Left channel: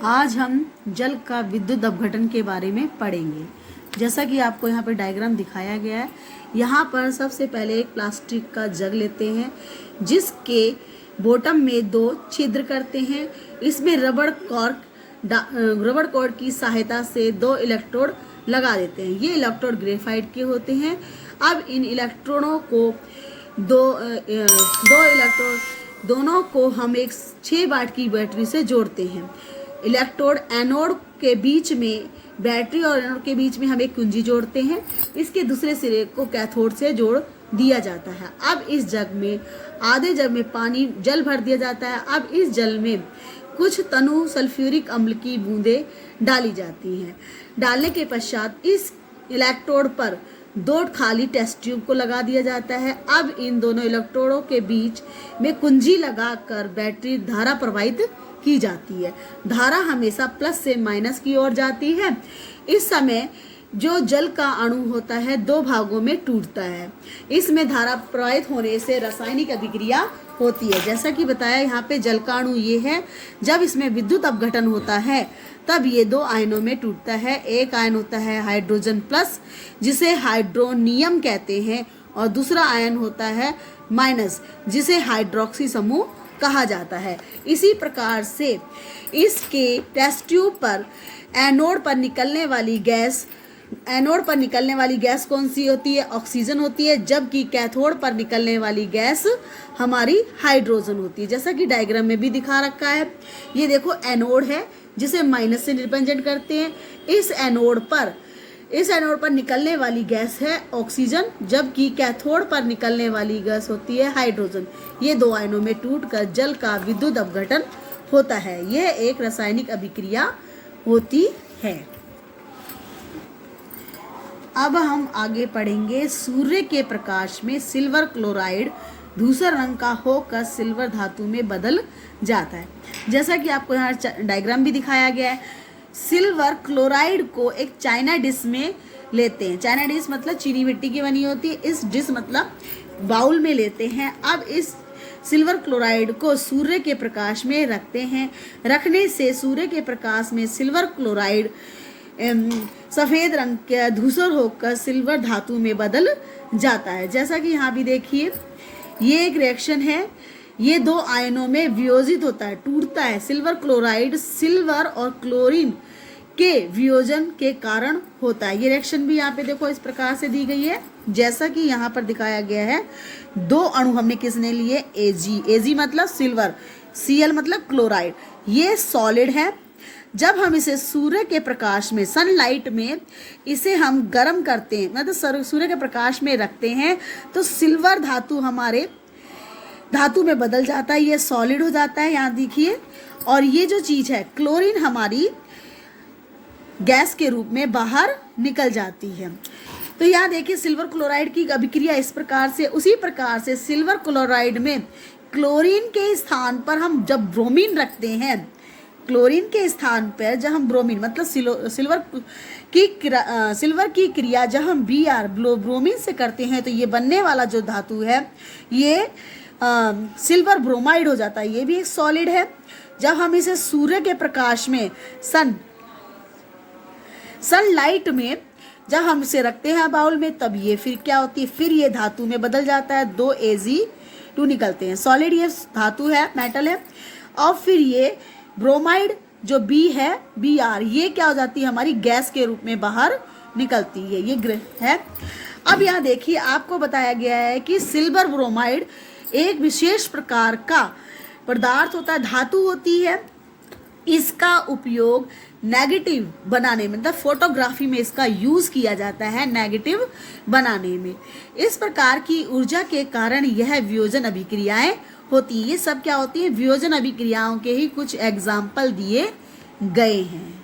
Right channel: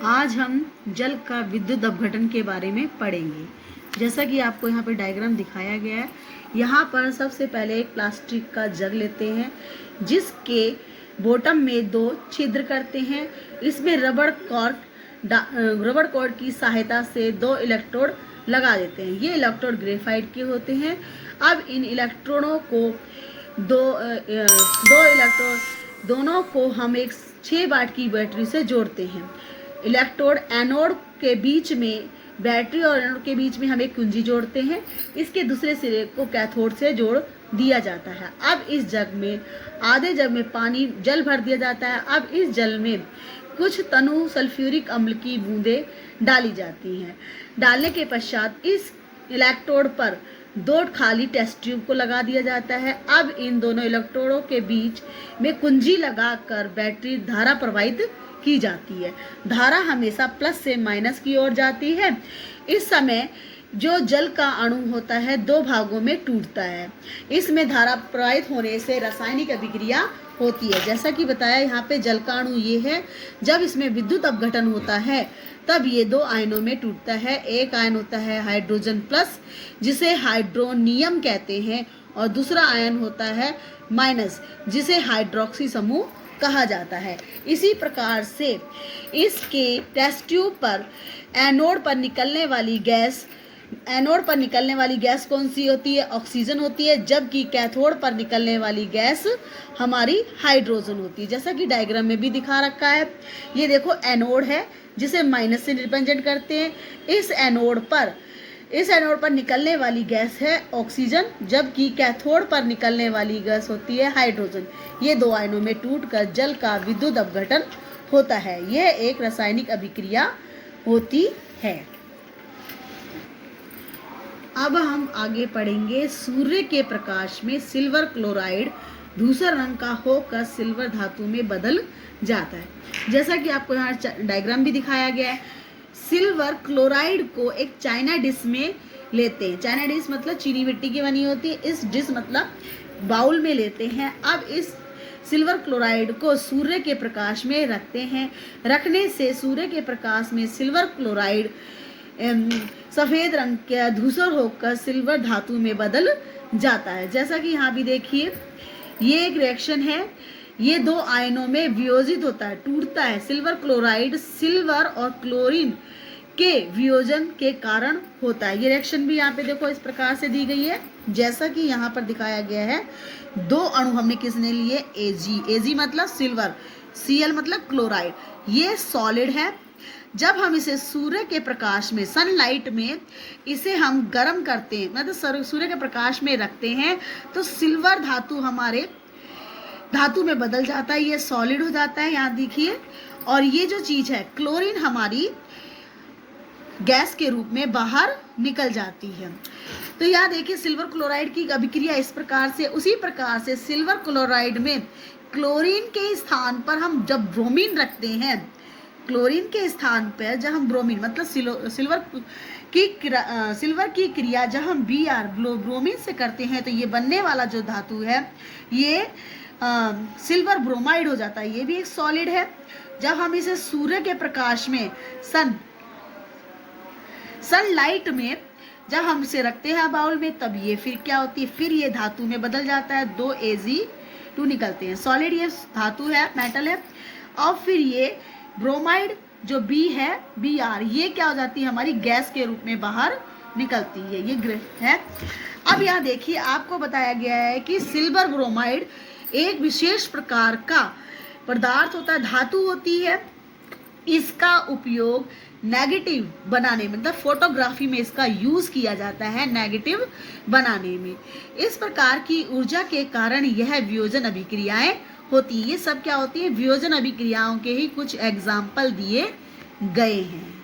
आज हम जल का विद्युत अपघटन के बारे में पढ़ेंगे। जैसा कि आपको यहाँ पर डायग्राम दिखाया गया है, यहाँ पर सबसे पहले एक प्लास्टिक का जग लेते हैं जिसके बॉटम में 2 छिद्र करते हैं। इसमें रबड़ कॉर्ड की सहायता से 2 इलेक्ट्रोड लगा देते हैं। ये इलेक्ट्रोड ग्रेफाइट के होते हैं। अब इन इलेक्ट्रोडों को दोनों को हम एक 6 वाट की बैटरी से जोड़ते हैं। इलेक्ट्रोड एनोड के बीच में, बैटरी और एनोड के बीच में हम एक कुंजी जोड़ते हैं। इसके दूसरे सिरे को कैथोड से जोड़ दिया जाता है। अब इस जग में, आधे जग में जल भर दिया जाता है। अब इस जल में कुछ तनु सल्फ्यूरिक अम्ल की बूंदें डाली जाती हैं। डालने के पश्चात इस इलेक्ट्रोड पर 2 खाली टेस्ट ट्यूब को लगा दिया जाता है। अब इन दोनों इलेक्ट्रोडों के बीच में कुंजी लगाकर बैटरी धारा प्रवाहित की जाती है। धारा हमेशा प्लस से माइनस की ओर जाती है। इस समय जो जल का अणु होता है 2 भागों में टूटता है। इसमें धारा प्रवाहित होने से रासायनिक अभिक्रिया होती है। जैसा कि बताया, यहाँ पे जल का अणु ये है। जब इसमें विद्युत अपघटन होता है तब ये 2 आयनों में टूटता है। एक आयन होता है हाइड्रोजन प्लस, जिसे हाइड्रोनियम कहते हैं, और दूसरा आयन होता है माइनस, जिसे हाइड्रोक्सी समूह कहा जाता है। इसी प्रकार से इसके टेस्ट ट्यूब पर एनोड पर निकलने वाली गैस कौन सी होती है? ऑक्सीजन होती है, जबकि कैथोड पर निकलने वाली गैस हमारी हाइड्रोजन होती है। जैसा कि डायग्राम में भी दिखा रखा है। ये देखो एनोड है जिसे माइनस से रिप्रेजेंट करते हैं। इस एनोड पर निकलने वाली गैस है ऑक्सीजन, जबकि कैथोड पर निकलने वाली गैस होती है हाइड्रोजन। ये 2 आयनों में टूटकर जल का विद्युत अपघटन होता है। यह एक रासायनिक अभिक्रिया होती है। अब हम आगे पढ़ेंगे। सूर्य के प्रकाश में सिल्वर क्लोराइड धूसर रंग का होकर सिल्वर धातु में बदल जाता है। जैसा कि आपको यहाँ डायग्राम भी दिखाया गया है। सिल्वर क्लोराइड को एक चाइना डिश में लेते हैं। चाइना डिश मतलब चीनी मिट्टी की बनी होती है। इस डिश मतलब बाउल में लेते हैं। अब इस सिल्वर क्लोराइड को सूर्य के प्रकाश में रखते हैं। रखने से सूर्य के प्रकाश में सिल्वर क्लोराइड सफेद रंग का धूसर होकर सिल्वर धातु में बदल जाता है। जैसा कि यहाँ भी देखिए, ये एक रिएक्शन है। ये 2 आयनों में वियोजित होता है, टूटता है। सिल्वर क्लोराइड सिल्वर और क्लोरीन के वियोजन के कारण होता है। ये रिएक्शन भी यहाँ पे देखो इस प्रकार से दी गई है, जैसा कि यहाँ पर दिखाया गया है। 2 अणु हमने किसने लिए? Ag मतलब सिल्वर, Cl मतलब क्लोराइड। ये सॉलिड है। जब हम इसे सूर्य के प्रकाश में, सनलाइट में इसे हम गर्म करते हैं, मतलब सूर्य के प्रकाश में रखते हैं, तो सिल्वर धातु हमारे धातु में बदल जाता है। ये सॉलिड हो जाता है, यहाँ देखिए। और ये जो चीज है क्लोरीन हमारी गैस के रूप में बाहर निकल जाती है। तो यहाँ देखिए सिल्वर क्लोराइड की अभिक्रिया इस प्रकार से। उसी प्रकार से सिल्वर क्लोराइड में क्लोरीन के स्थान पर हम जब ब्रोमीन रखते हैं, क्लोरीन के स्थान पर जब हम ब्रोमीन मतलब सिल्वर की क्रिया जब हम Br ब्रोमीन से करते हैं, तो ये बनने वाला जो धातु है ये सिल्वर ब्रोमाइड हो जाता है। ये भी एक सॉलिड है। जब हम इसे सूर्य के प्रकाश में, सनलाइट में जब हम इसे रखते हैं बाउल में, तब ये फिर क्या होती है? फिर ये धातु में बदल जाता है। 2 Ag2 निकलते हैं। सॉलिड ये धातु है, मेटल है। और फिर ये ब्रोमाइड जो B है, Br, ये क्या हो जाती है? हमारी गैस के रूप में बाहर निकलती है। ये है। अब यहाँ देखिए, आपको बताया गया है कि सिल्वर ब्रोमाइड एक विशेष प्रकार का पदार्थ होता है, धातु होती है। इसका उपयोग नेगेटिव बनाने में, मतलब फोटोग्राफी में इसका यूज किया जाता है, नेगेटिव बनाने में। इस प्रकार की ऊर्जा के कारण यह वियोजन अभिक्रियाएं होती है। ये सब क्या होती है? वियोजन अभिक्रियाओं के ही कुछ एग्जाम्पल दिए गए हैं।